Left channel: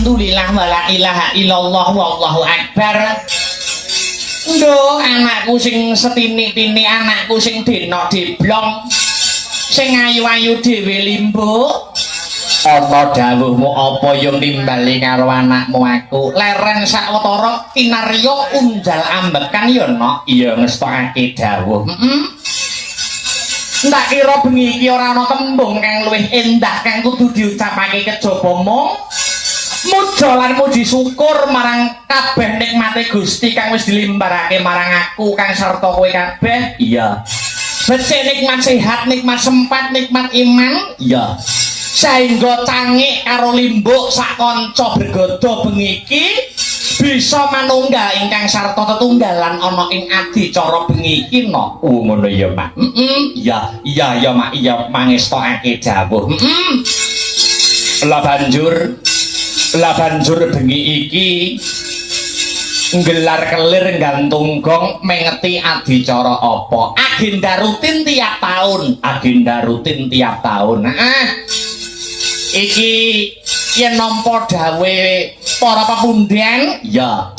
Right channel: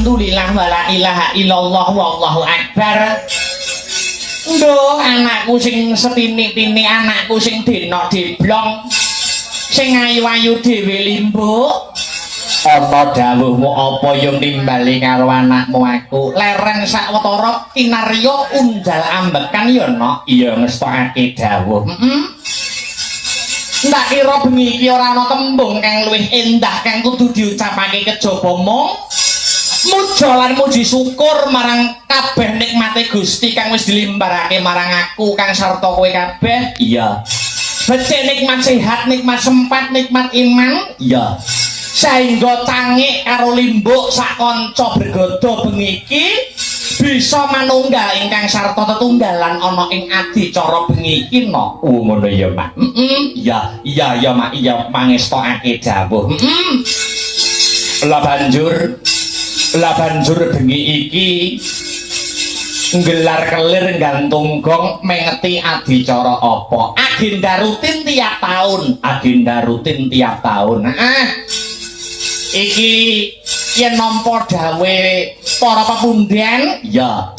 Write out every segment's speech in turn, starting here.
Alhamdulillah wala ilaha illallah wallahu akbar. Nduh anakku sing setinik-tinik, anakku sing denok diblong, sing ayu-ayu dhewe limbuk. Apa dawuhmu apa yo nimbali karo anakmu aku? Lereng sawetara kinarya undal ambekan yo nok. Iya ngestokake dawuh. ndak kira bengi iki ora ana tembung kang luwih endah kang kudu diucapake kejaba mung muja lan muji syukur marang kabeh nikmate Gusti kang wis dilimbarake marang aku kang sarta kowe kabeh. Iya. Becik nikmat sehat, nikmat sempat, nikmat iman. Iya. Saengga tangik karo limbuk sak kanca bergodo bengi iki bisa manunggal ingkang sarta tetunggalan ana ing adicara bengi iki no. Ngono ya, Mak. Iya, iya Mak, iya mangestokake dawuh. Lah banjur bengi iki nggelar kelir gantung gong mengeti adicara apa? Agenda rutin tiap tahun. Iki yen nampa dawe para pepunden ya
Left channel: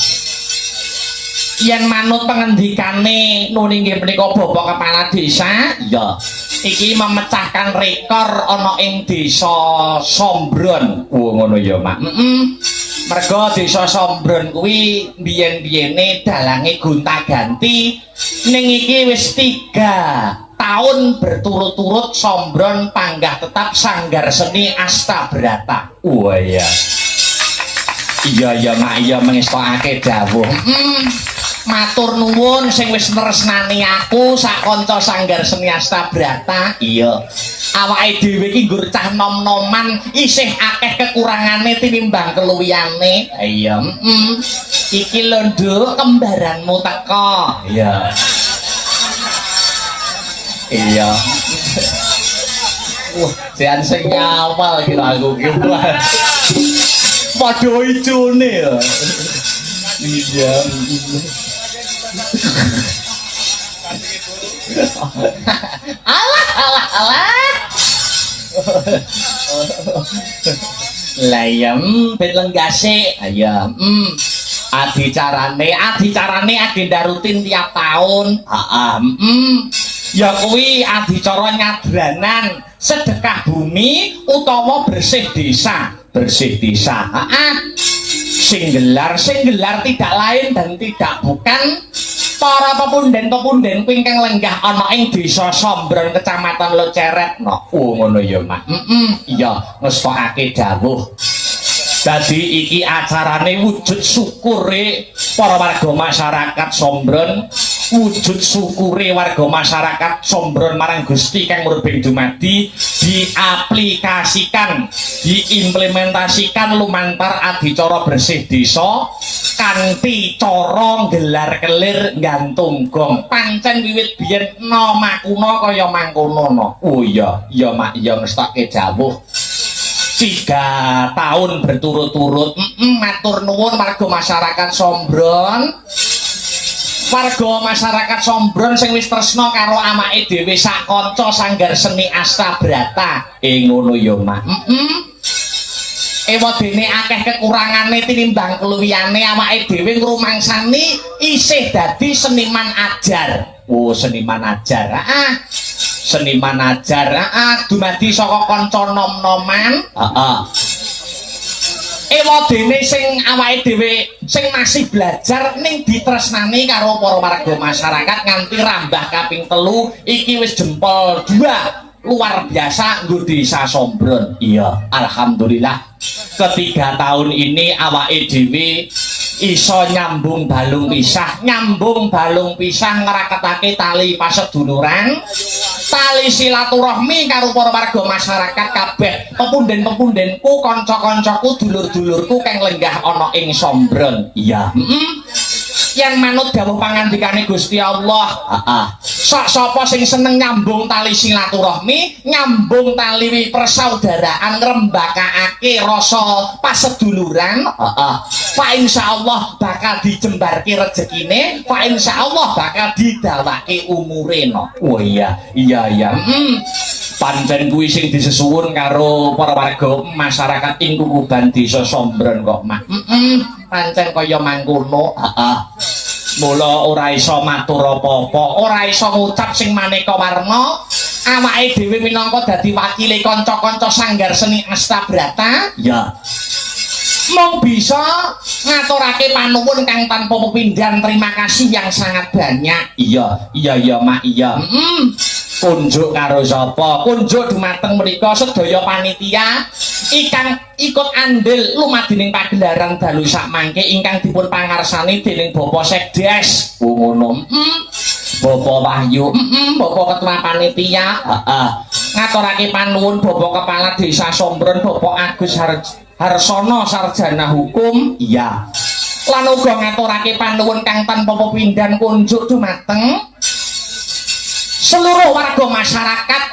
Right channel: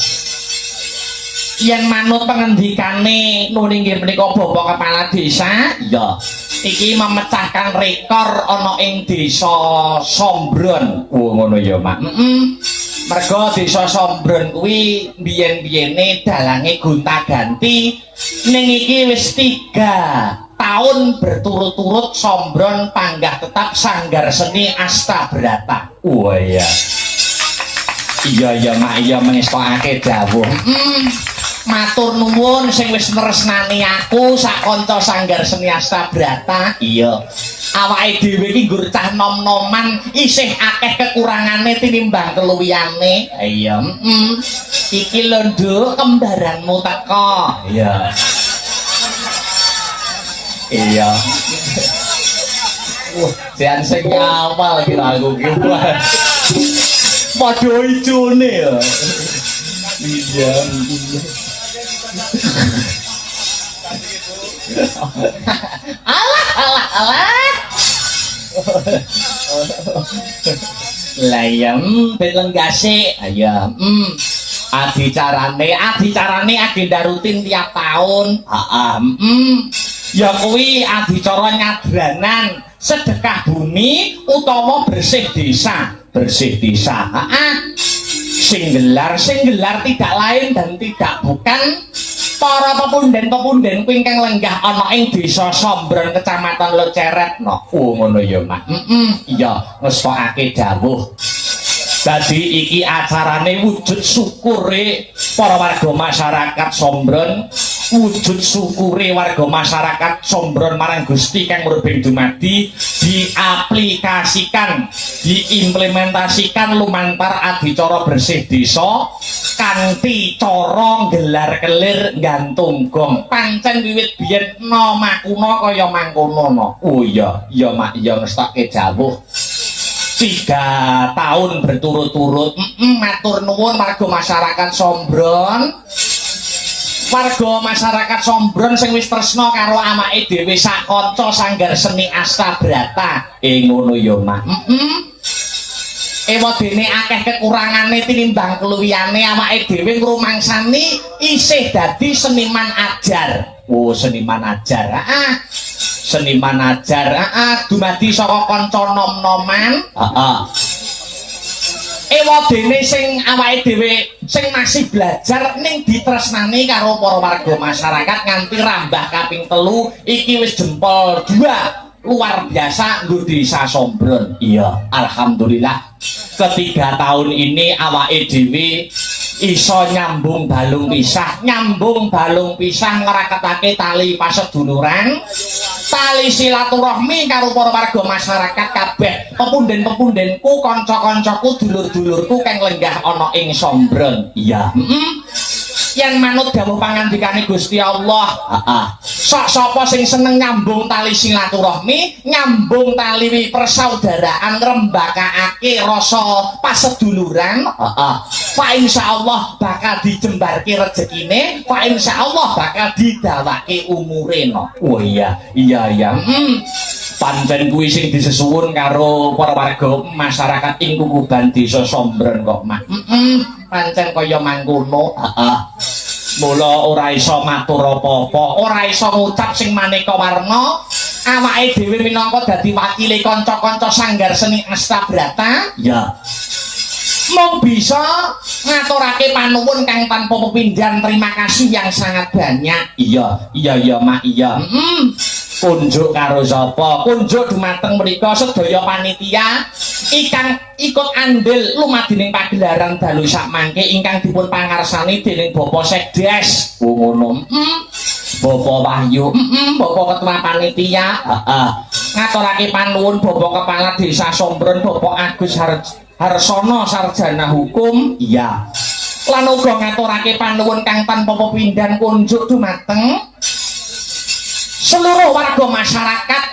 yen manut pengendikane nuni nggih menika Bapak Kepala Desa ya iki memecahkan rekor ana ing Desa Sombron. ngono ya, Mak. Mergo Desa Sombron kuwi biyen-biyene dalange gonta-ganti ning iki wis 3 tahun berturut-turut Sombron panggah tetap Sanggar Seni Astabrata. Oh iya. Iya Mak, iya mengestokake dawuh. Matur nuwun sing wis tresnani aku sak kanca Sanggar Seni Astabrata. Iya. Awake dhewe iki nggur cah nom-noman isih akeh kekurangane tinimbang keluwihane. Iya. Iki lho Nduk kembaranmu teko. Iya. Iya. Wah, jan sing nyawal kira aku ki. Padha ijone ya. Iya. Alah. Layem belenggase. Iya. Adicarane agenda rutin tiap tahun. Ya kuwi adicara nyadranan sedekah bumi utawa bersih desa. Sing gelar tidak lain dan tidak bukan para pepunden-pepunden kuwi ingkang lenggah ana ing Desa Sombron Kecamatan Loceret no. Oh ngono ya, Mak. Iya ngestokake dawuh. Dadi iki acarane wujud syukure para warga masyarakat Sombron, wujud syukure warga masyarakat Sombron marang Gusti kang murbeng dumadi diaplikasikan, diimplementasikan lumantar adicara bersih desa kanthi cara gelar kelir gantung gong. Pancen wiwit biyen nama kuna kaya mangkono no. Oh iya, iya Mak, iya ngestake dawuh. 3 tahun berturut-turut matur nuwun warga masyarakat Sombron. Warga masyarakat Sombron sing wis tresna karo amake dhewe sak kanca Sanggar Seni Astabrata. Ngono ya, Mak. Ewa dene akeh kekurangane tinimbang keluwihane awake dhewe ngrumangsani isih dadi seniman ajar. Oh, seniman ajar. Seniman ajar, dumadi saka kanca nom-noman. Ewa dene sing awake dhewe sing masih belajar ning ditresnani karo para warga masyarakat nganti rambah kaping 3 iki wis jempol 2 luar biasa nggo Desa Sombron. Iya, alhamdulillah. Ketiga tahun ini awake dhewe iso nyambung balung pisah ngraketake tali paseduluran, tali silaturahmi karo para warga masyarakat kabeh, pepunden-pepundenku, kanca-kancaku, dulur-dulurku kang lenggah ana ing Sombron. Iya. Yang manut dawuh pangandikane Gusti Allah. Sapa sing seneng nyambung tali silaturahmi, nyambung tali persaudaraan, ngrembakake rasa paseduluran, fa insyaallah bakal dijembarke rezekine, fa insyaallah bakal didawake umure no. Oh iya. Pancen kuwi sing disesuwun karo para warga masyarakat ing Kukuban Desa Sombron kok, Mak. Pancen kaya mangkono. Mula ora iso matur apa-apa, ora iso ngucap sing maneka warna. Awake dhewe minangka dadi wakile kanca-kanca Sanggar Seni Astabrata. Ya. Mung bisa ngaturake panuwun kang tanpa pepindhan terima kasih yang sangat banyak. Iya Mak, iya. kunjuk karo sapa? Kunjuk dumateng mriku sedaya panitia ingkang ikut andil lumadhening pagelaran dalu sakmangke ingkang dipun pangarsani dening Bapak Sekdes. Ngono. Bapak Wahyu, Bapak Ketua Panitia, ngaturake panuwun Bapak Kepala Desa Sombron, Bapak Agus Harsono Sarjana Hukum, Iya. lan uga ngaturake panuwun kang tanpa pepindhan kunjuk dumateng seluruh warga masyarakat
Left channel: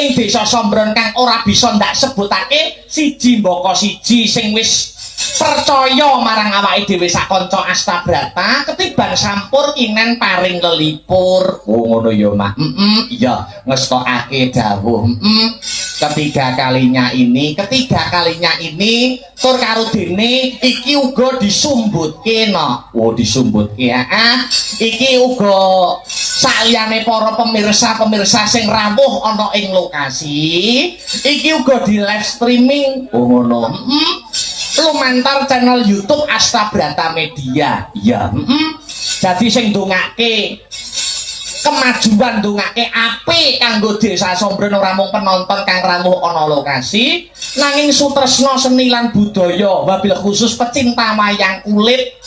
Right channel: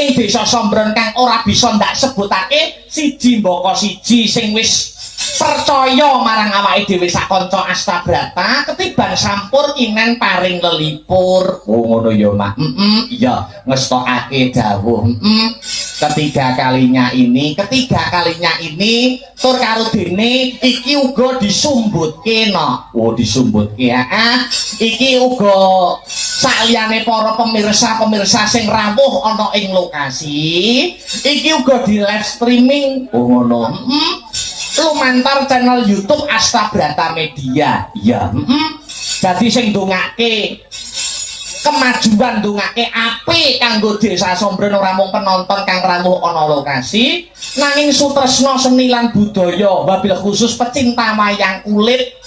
ing Desa Sombron kang ora bisa ndak sebutake siji mbaka siji sing wis percaya marang awake dhewe sak kanca Astabrata ketiban sampur kinen paring lelipur. Ngono ya, Mak. Iya, ngestokake dawuh. Ketiga kalinya ini tur karo dene iki uga disumbutke no. Oh, disumbutke ya. Iki uga saliyane para pemirsa sing rawuh ana ing lokasi, iki uga di live streaming. Oh, ngono. Lumantar channel YouTube Astabrata Media. Iya. Jadi sing ndongake kemajuan, ndongake apik kanggo Desa Sombron ora mung penonton kang rawuh ana lokasi, nanging sutresna seni lan budaya, wabil khusus pecinta wayang kulit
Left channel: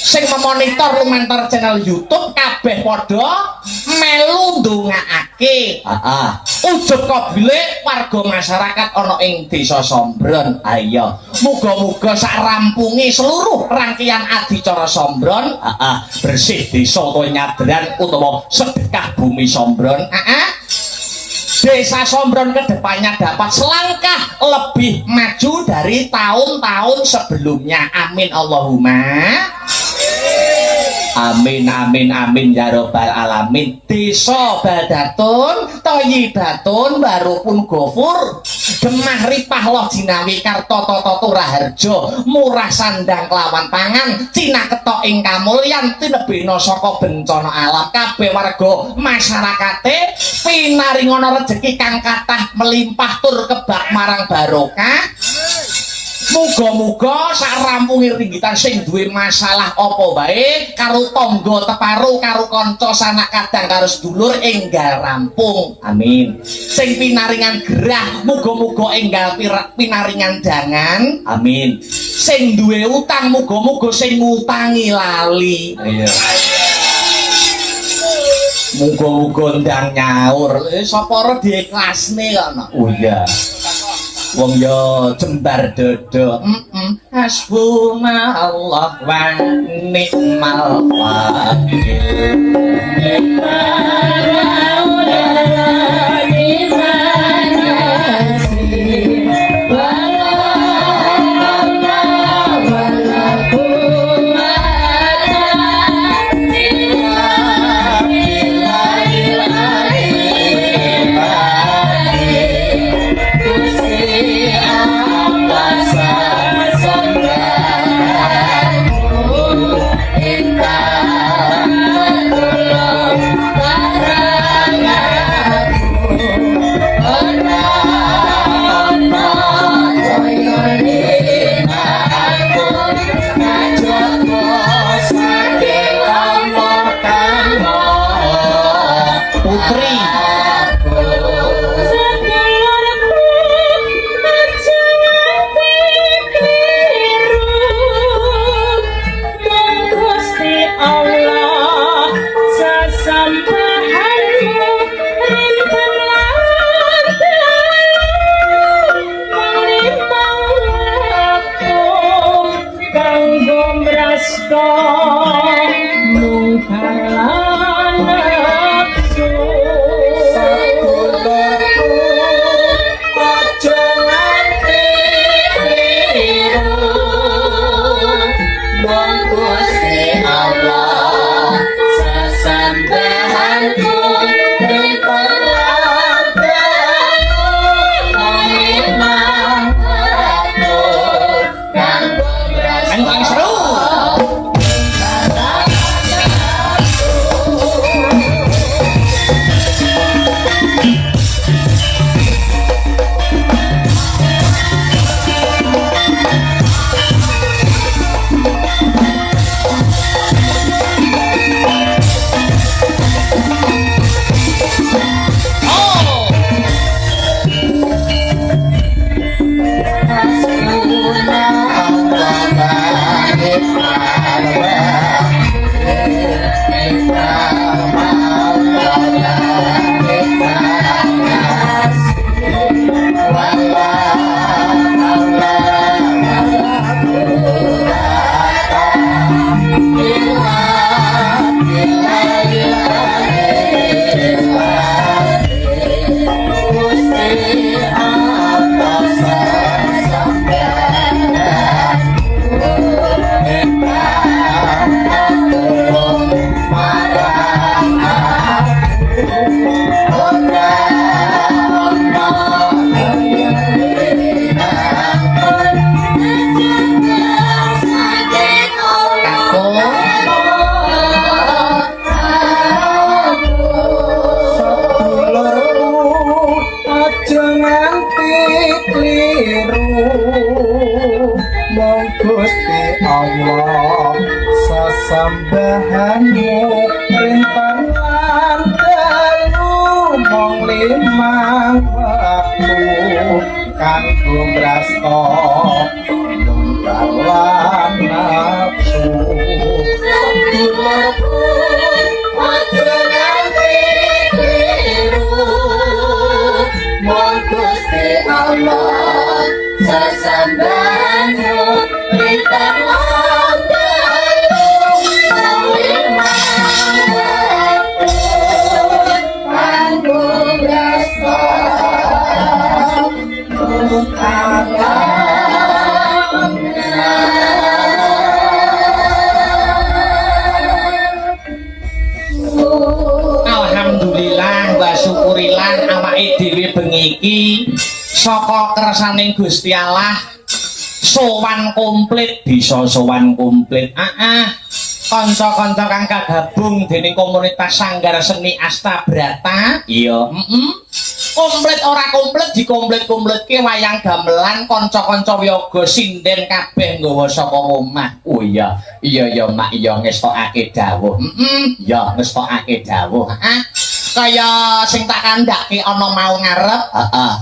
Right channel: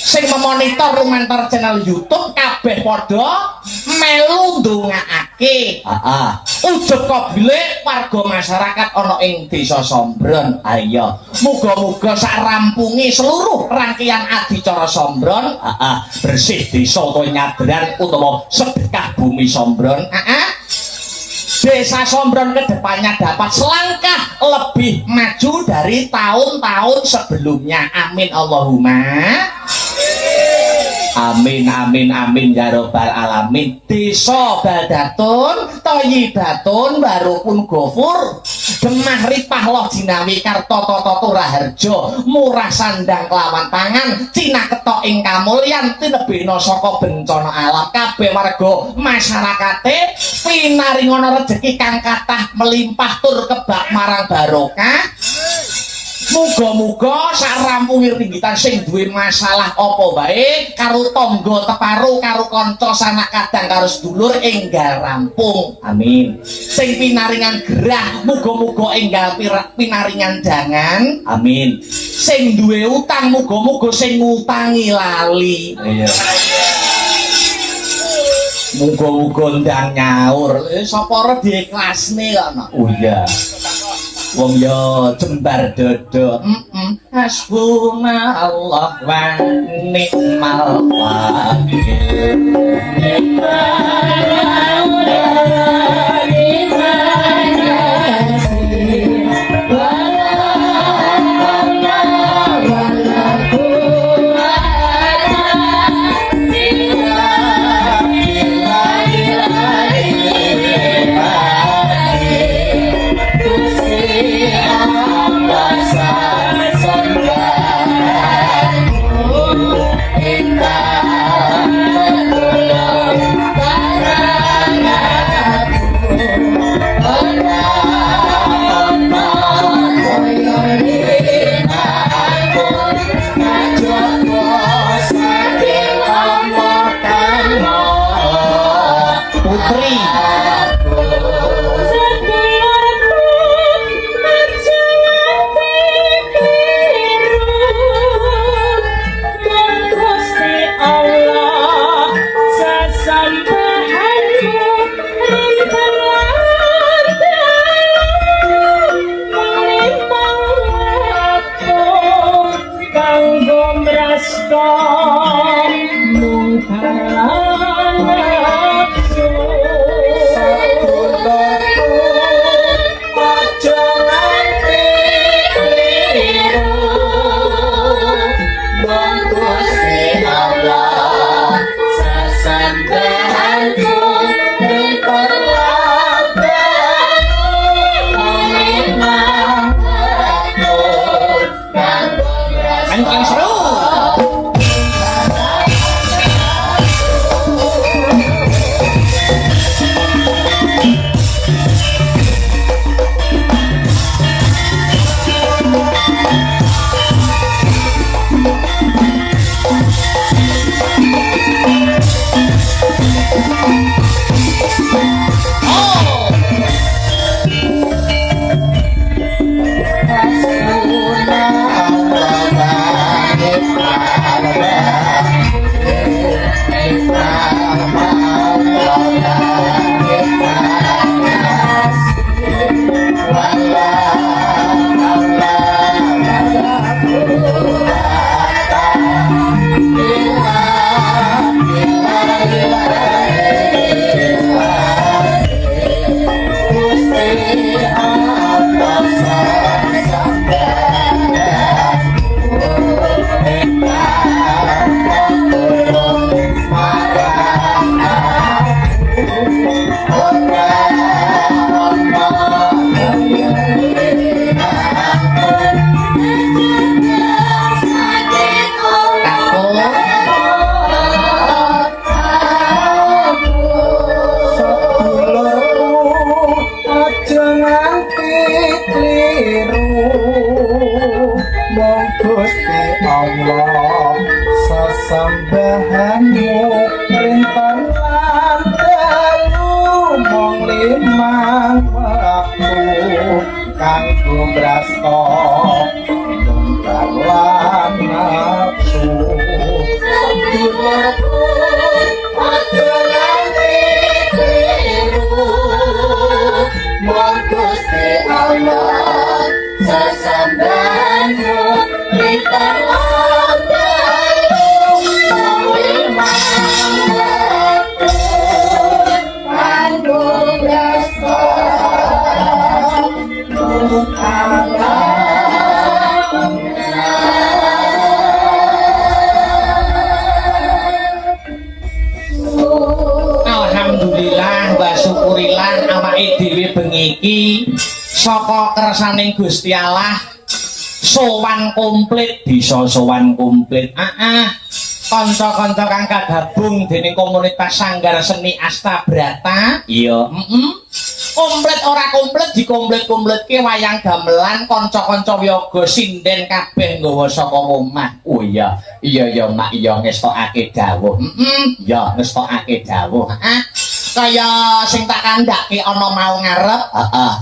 sing memonitor lumantar channel YouTube kabeh padha melu ndongakake. Ujug kabeh warga masyarakat ana ing Desa Sombron. Ayo, Muga-muga sak rampunge seluruh rangkaian adicara Sombron, bersih desa utawa nyadran utawa sedekah bumi Sombron, Desa Sombron kedepannya dapat selangkah lebih maju dari tahun-tahun sebelumnya. Amin Allahumma. amin amin amin ya robbal alamin. Desa Baldatun, Thayyibatun, Barokun Gofur, Gemah Ripah Loh Jinawi Karta Tata Turaharja, Murah Sandang Kelawan Pangan, Cinaketok ing kamulyan, tinebena saka bencana alam. Kabeh warga masyarakate pinaringana rejeki kang kathah melimpah tur kebak marang barokah. Muga-muga sak rampunge ringgitan sing duwe masalah apa wae karo tangga teparo, karo kanca sanak kadang, karo sedulur enggal rampung. Amin. Sing pinaringan gerah muga-muga enggal pinaringan jangan. Amin. Sing duwe utang muga-muga sing ngutangi lali. Iya. Muga-muga ndang nyaur. Sapa ora diikhlasne ana. Oh iya. Wong yo jembar dodo. Hasbunallah wa ni'mal wakil. sesambahanmu rintangan dalu mong limang waktu kanggo brasta nungkalan nafsu sedulurku aja nganti keliru mong Gusti Allah sesambahanmu rintangan dalu mong limang waktu kanggo brasta Alhamdulillah wa syukurillah awake dhewe bengi iki saka kersaning Gusti Allah sowan komplit bisa sowan komplit. Kanca-kanca kang kagabung dening komunitas Sanggar Seni Astabrata. Iya. Komplit ora komplit dikomplit-komplitke wayang gamelan kanca-kanca wiyaga sinden kabeh nggawa saka omah. Oh iya. Iya Mak, iya ngestokake dawuh. Ya ngestokake dawuh. Kaya sing tak kandhake ana mau ngarep. Heeh.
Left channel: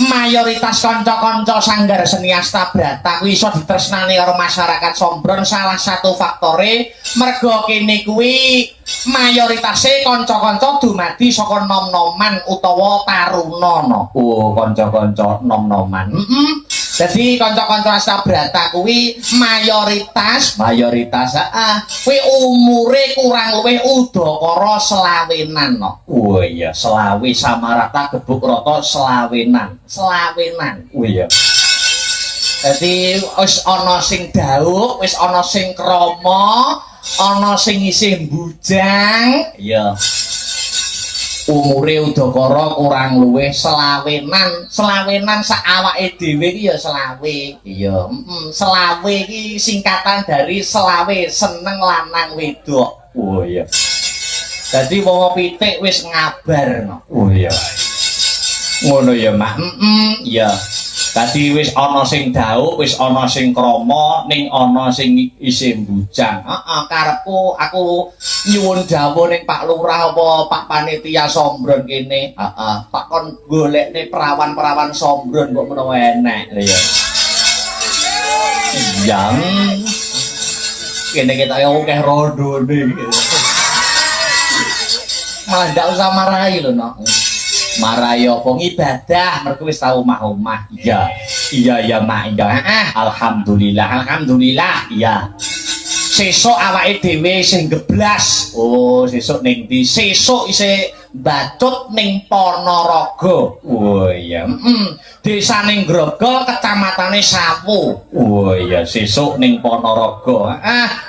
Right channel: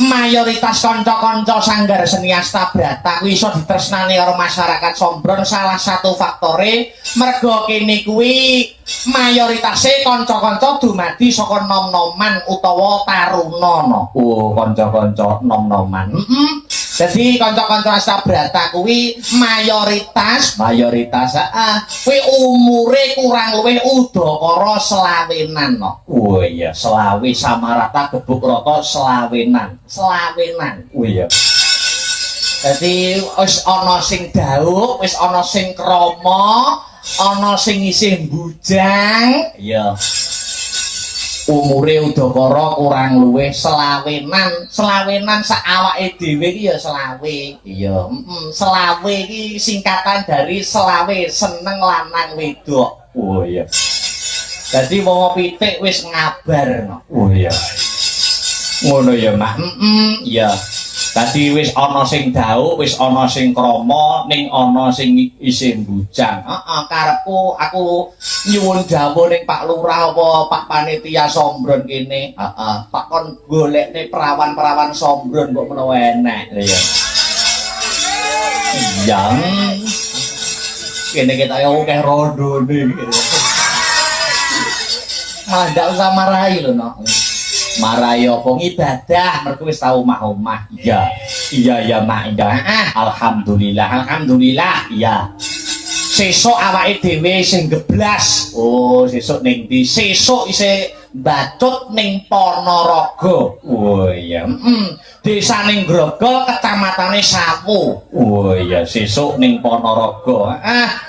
Mayoritas kanca-kanca Sanggar Seni Astabrata kuwi iso ditresnani karo masyarakat Sombron. Salah satu faktore merga kene kuwi mayoritasé kanca-kanca dumadi saka nom-noman utawa taruna. Oh, kanca-kanca nom-noman. Jadi kanca-kanca Astabrata kuwi mayoritas kuwi umure kurang luwih udakara selawenan. Oh iya, selawe sama rata gebuk rata selawenan. Oh iya. Jadi wis ana sing dauk, wis ana sing krama, ana sing isih bujang. Iya. Umure udakara kurang luwih selawenan sak awake dhewe iki ya selawe. Iya. Selawe iki singkatan dari selawe seneng lanang wedok. Oh iya. Dadi wong pitik wis ngabarno. Oh iya. Ngono ya, Mak. Iya. Dadi wis ana sing dauk, wis ana sing krama, ning ana sing isih bujang. Karepku aku nyuwun dawuh ning Pak Lurah apa Pak Panitia Sombron kene. Tak kon golekne perawan-perawan Sombron kok menawa enek. Iya. Iya. Kene kita akeh rondone. Malah ndak usah marahi lho, Nok. Marahi apa ibadah mergo wis tau omah-omah. Iya. Iya Mak. Alhamdulillah. Iya. Sesuk awake dhewe sing geblas. Oh, sesuk ning ndi? Sesuk isih Batut ning Ponorogo. Oh iya. Desaning Grogol, kecamatane Sawu. Oh iya, sesuk ning Ponorogo.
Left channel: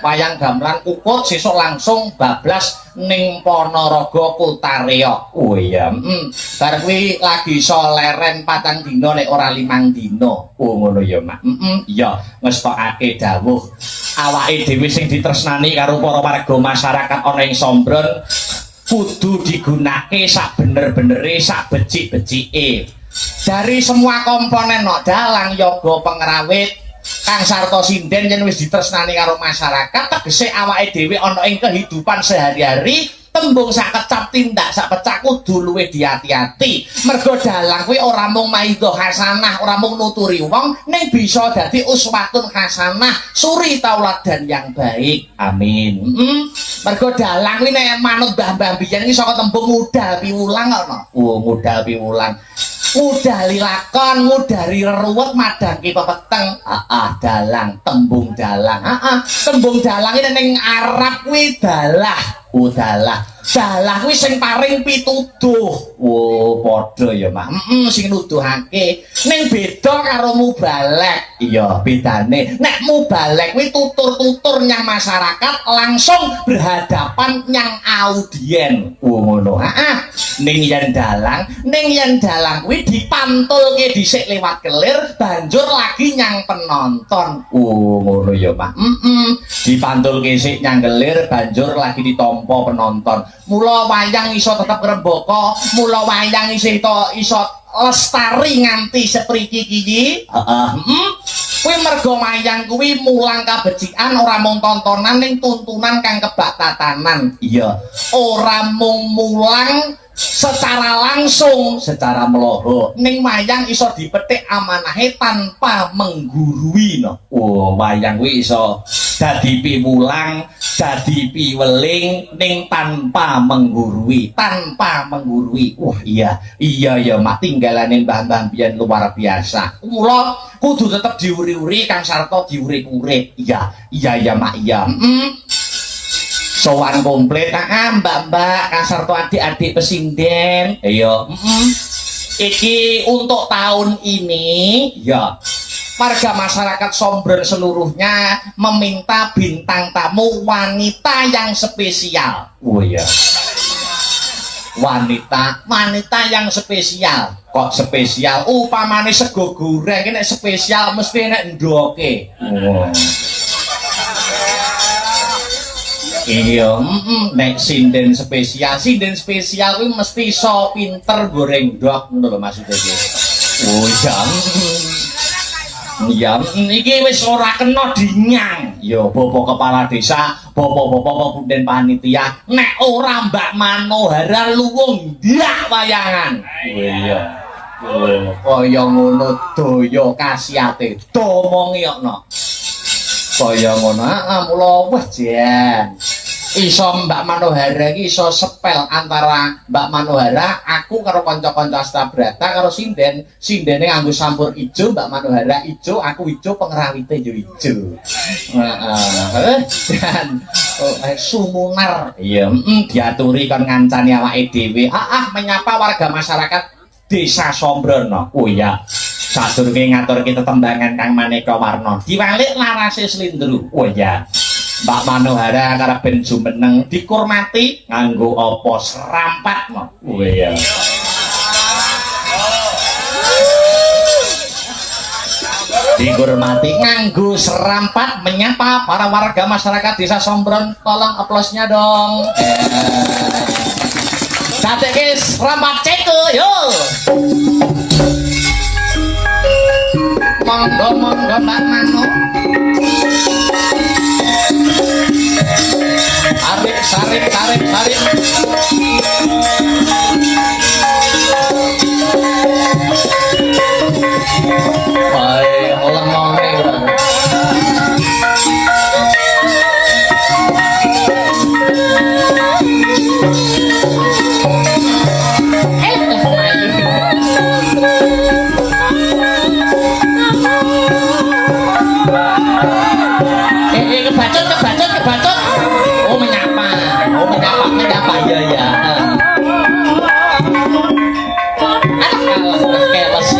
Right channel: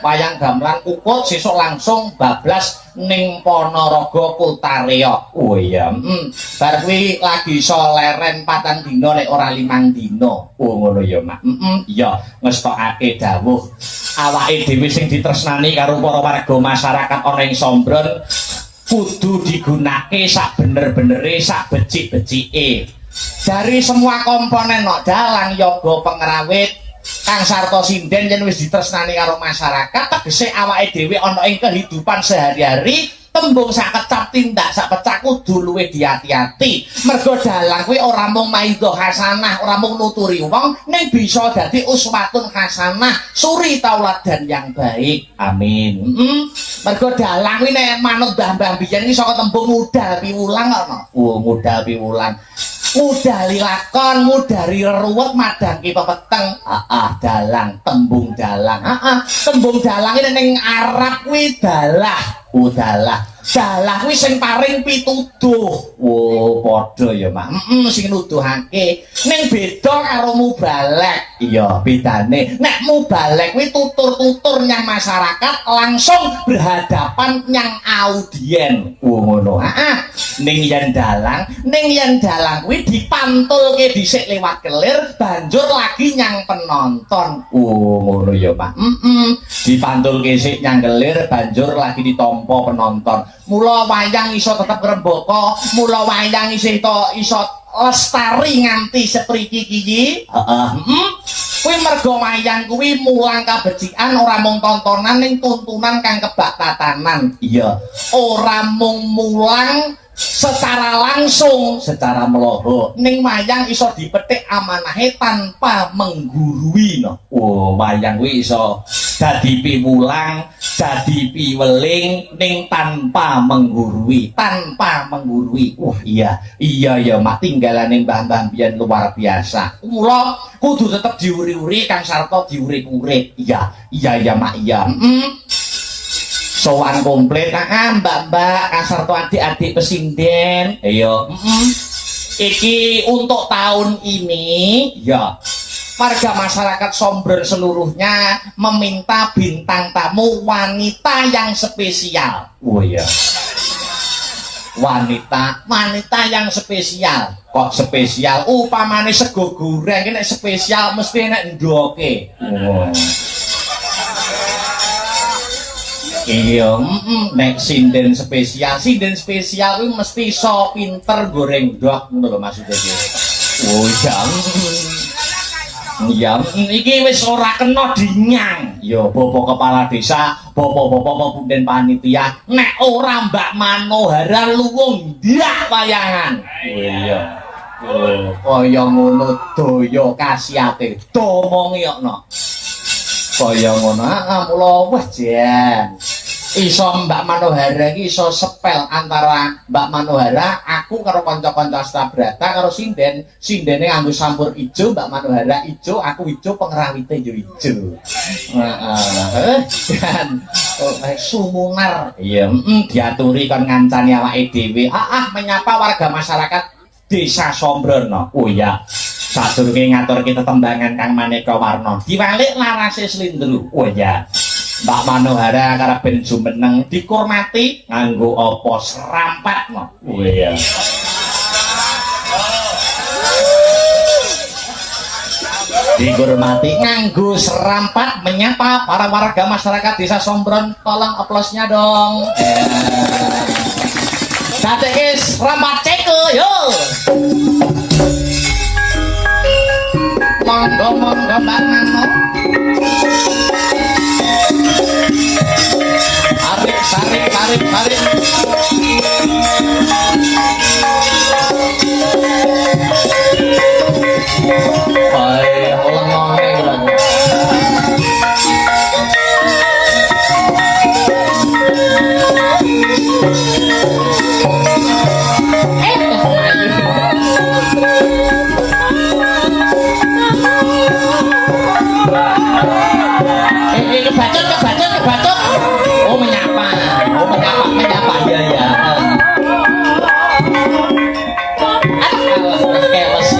Wayang gamelan Kukut sesuk langsung bablas ning Ponorogo Kutareok. Oh iya. Bar kuwi lagi iso leren 4 dina nek ora 5 dina. Oh ngono ya, Mak. Iya, ngestokake dawuh. Awake dhewe sing ditresnani karo para warga masyarakat ana ing Sombron kudu digunakake sak bener-benere, sak becik-becike. Dari semua komponen nok dalang yoga pengrawit kang sarta sinden yen wis ditresnani karo masyarakat tegese awake dhewe ana ing kehidupan sehari-hari tembung sak kecap tindak sak pecah kudu luwih diati-ati. Mergo dalang kuwi ora mung maidha hasanah, ora mung nuturi wong, ning bisa dadi uswatun hasanah, suri tauladan yang baik. Amin. Mergo dalang kuwi nek manut mbah-mbah biyen iki saka tembung modal piwulang ana. Oh, modal piwulang. Mudali lakon, mudari reruwet, madangi pepeteng. Dalang, tembung dalang. Tembung dalang ini ning Arab kuwi dalah. Dalah. Dalah kuwi sing paring pituduh. Oh, padha ya, Mak. Sing nuduhake. Ning beda karo mubalek. Iya, bedane. Nek mubalek kuwi tutur-tutur nyang masyarakat langsung berhadapan nyang audien. Oh, ngono. Ning yen dalang kuwi dipantulke dhisik lewat kelir, banjur lagi nyang penonton. Oh, ngono ya, Pak. Dipantulke sik nyang kelir, banjur lagi ditampa penonton. Mula wayang iso tetep ngrembaka, mula wayang iso lestari nganti sepriki iki. Kuwi mergo wayang kuwi mulang kabecikan ora mung tontonan ning tuntunan kang kebak tatanan. Iya, Ora mung mulang secara langsung secara meloho. ning wayang iso dipetik amanahe tanpa menggurui no. Oh, wayang kuwi iso dadi piwulang, dadi piweling ning tanpa menggurui. Wah, iya ya mak tinggalane mbah-mbah biyen luar biasa. Mula kudu tetep diuri-uri kang sarta diurik-urik. Iya mak iya. Sowan komplit mbak-mbak kang sarta adik-adik pesinden. Iya. Iki untuk tahun ini Ya, warga masyarakat Sombren seluruhnya meminta bintang tamu wanita yang spesial. oh iya. Wanita yang spesial. Kok spesial? Upamane sego goreng nek spesial mesti nek ndoke. Oh. Iya, nek sinden spesial kuwi mesti iso pinter goreng ndok ngono lho maksudnya. Oh, Ya, iki wis ora kena dinyang. ya bapak kepala desa, bapak-bapak kemudian panitia, Nek ora Mbak Manohara luwung ndak wayangan. oh iya. Oh, kaya ngono daya kasiate. Domongiyokno. Kaya ngono, mula wah jan. Iso Mbak Manohara iki iso sepel antara Mbak Manohara aku karo kanca-kanca Astabrata karo sindene nganggo sampur ijo, Mbak Manohara ijo, aku ijo, pengrawite yo ijo. Dan sumunar Iya, diaturi kon ngancani awake dhewe. Menyapa warga masyarakat Desa Sombrono. oh iya. Sadurunge ngatur kita tembangan kang maneka warna. Diwalik larase slindru. Oh iya. Mbak Manohara karep ben jumeneng dikurmati nganggo apa serampat no. Oh iya. Dihormati nganggo serampat menyapa para warga masyarakat Desa Sombron. Tolong aplausnya dong. Dateke serampat ceko yo. Monggo Mbak Mano. Tarik. Baik, ulang ngomong. Kebacut. Oh menyapa. Ya. Keles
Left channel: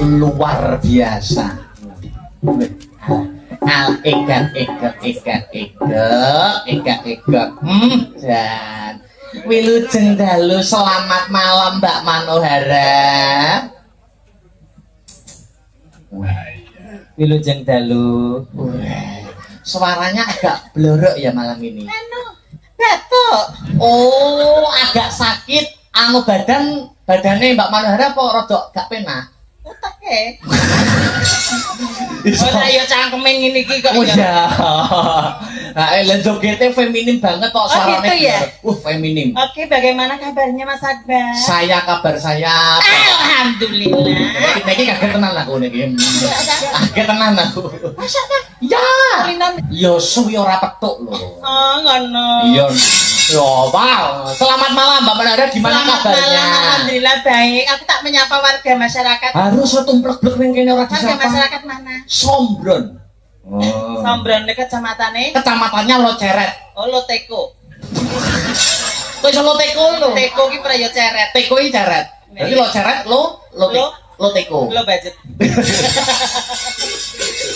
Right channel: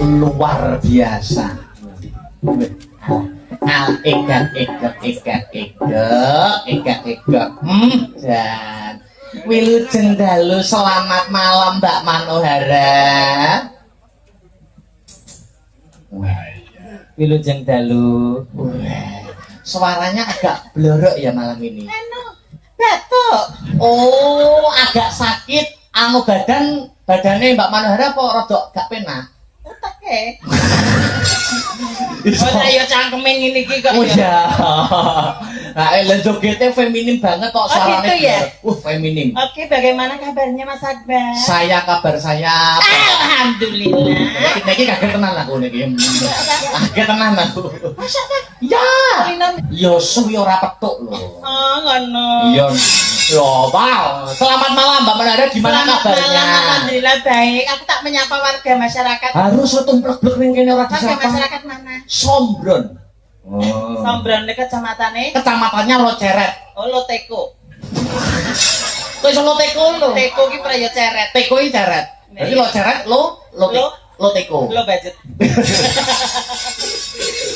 luar biasa. Egat. Dan Wilujeng dalu, selamat malam Mbak Manohara. Wilujeng dalu. Suaranya agak blorok ya malam ini. Batuk. Oh, agak sakit. Anu badannya Mbak Manohara apa rodok gak penak? Utake. Ora ya cangkeme ngene iki kok. Oh ya. Nah, lan jogetnya feminim banget kok suaranya. gitu ya? Feminim. Oke, bagaimana kabarnya Mas Akbar? Kabar saya. Alhamdulillah. Iki kaget tenan aku niki. Kaget tenan aku. Masa kan? Ya. Linan. Yo suwi ora petuk lho. Oh, ngono. Iya. Loh, wow. Selamat malam Mbak Menara, gimana Selamat kabarnya? malam, alhamdulillah baik. Aku tak menyapa warga masyarakat. Harus tumplek-plek ning kene ora Warga disapa. masyarakat mana? Sombron. Oh. Sombron dekat kecamatannya. Kecamatannya Loceret. Oh, Loteko. Wis Loteko lho. Teko ki praya ceret. Teko iki ceret. Jadi Loceret Loteko. Lo budget.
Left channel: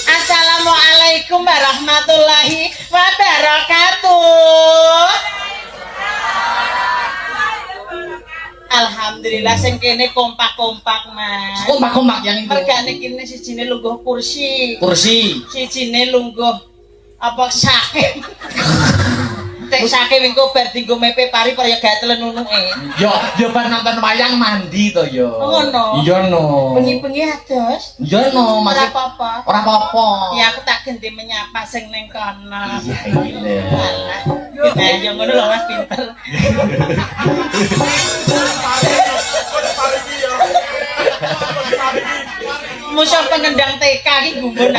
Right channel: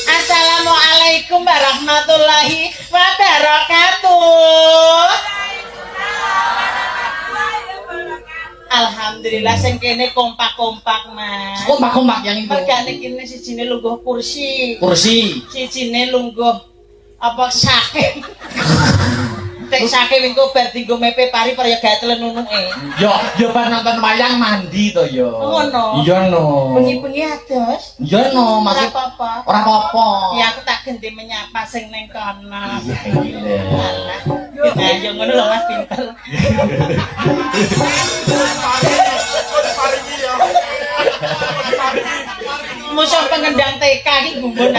Assalamualaikum warahmatullahi wabarakatuh. Alhamdulillah sing kene kompak-kompak, Mas. Kompak-kompak yang itu. Mergane kene sijine lungguh kursi. Kursi. Sijine lungguh apa sake. Tek sake engko bar dinggo mepe pari kaya gak telen nunuke. Yo pas nonton wayang mandi to yo. Oh, no. Iya no. Bengi-bengi ados. Iya no, Ora masih apa-apa. ora apa-apa. Ya aku tak ganti menyapa sing ning kono. Iya. Alah, kita yo ngono lho Mas pinter. Musuh pengendang TK iki gumun.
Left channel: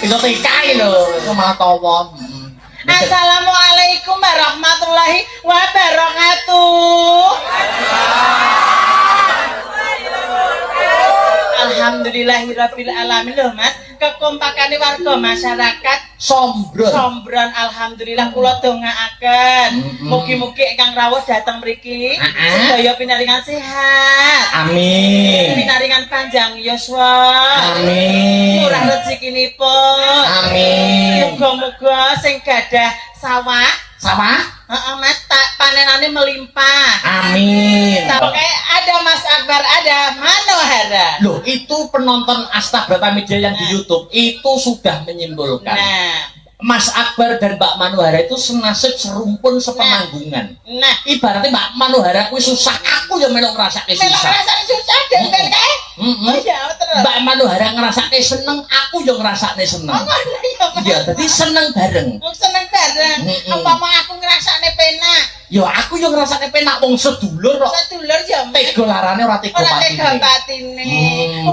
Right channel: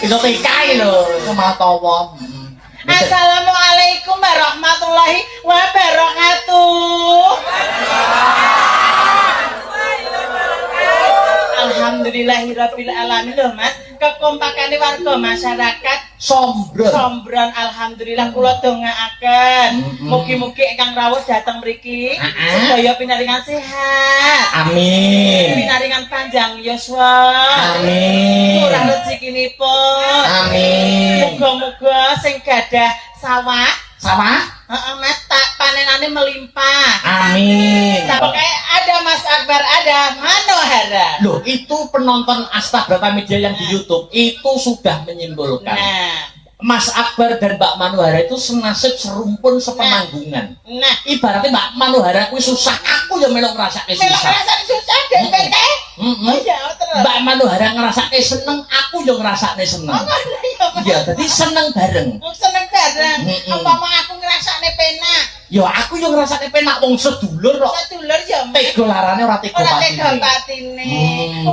Iso tekai lho, sama tawa. Assalamualaikum warahmatullahi wabarakatuh. Alhamdulillahirabbil alamin lho Mas. Kekompakane warga masyarakat Sombron. alhamdulillah kula dongaaken. Mugi-mugi ingkang rawuh dhateng mriki sedaya pinaringan sehat. Amin. Pinaringan panjang yuswa. Amin. Murah rezekinipun. Amin. Muga-muga sing gadah sawah, Sama? heeh Mas, tak panenane melimpah. Amin. Oke, ada Mas Akbar, ada Manohara. Loh, itu penonton Asta Brata Media yang di YouTube itu sudah menyimpulkan. Nah, Mas Akbar dan Mbak Manohara itu senasib serumpun sepenanggungan. nah, Ibaratnya Mbak Manohara kuwi susah, aku yang melok ngrasake melok susah. rasane susah deh kene. Oh ya, terus. Mbak Manohara ngrasake seneng, aku yang ngrasake seneng. Oh, iya, Iya, jadi seneng bareng. Wong seneng bareng. Mm-mm. Apa mau aku ngrasakne penak? Ya aku yang ngrasake penak wong sedulur kok. Sedulur ya, Mas. Tega larane ora tega Ora tega patine. batine.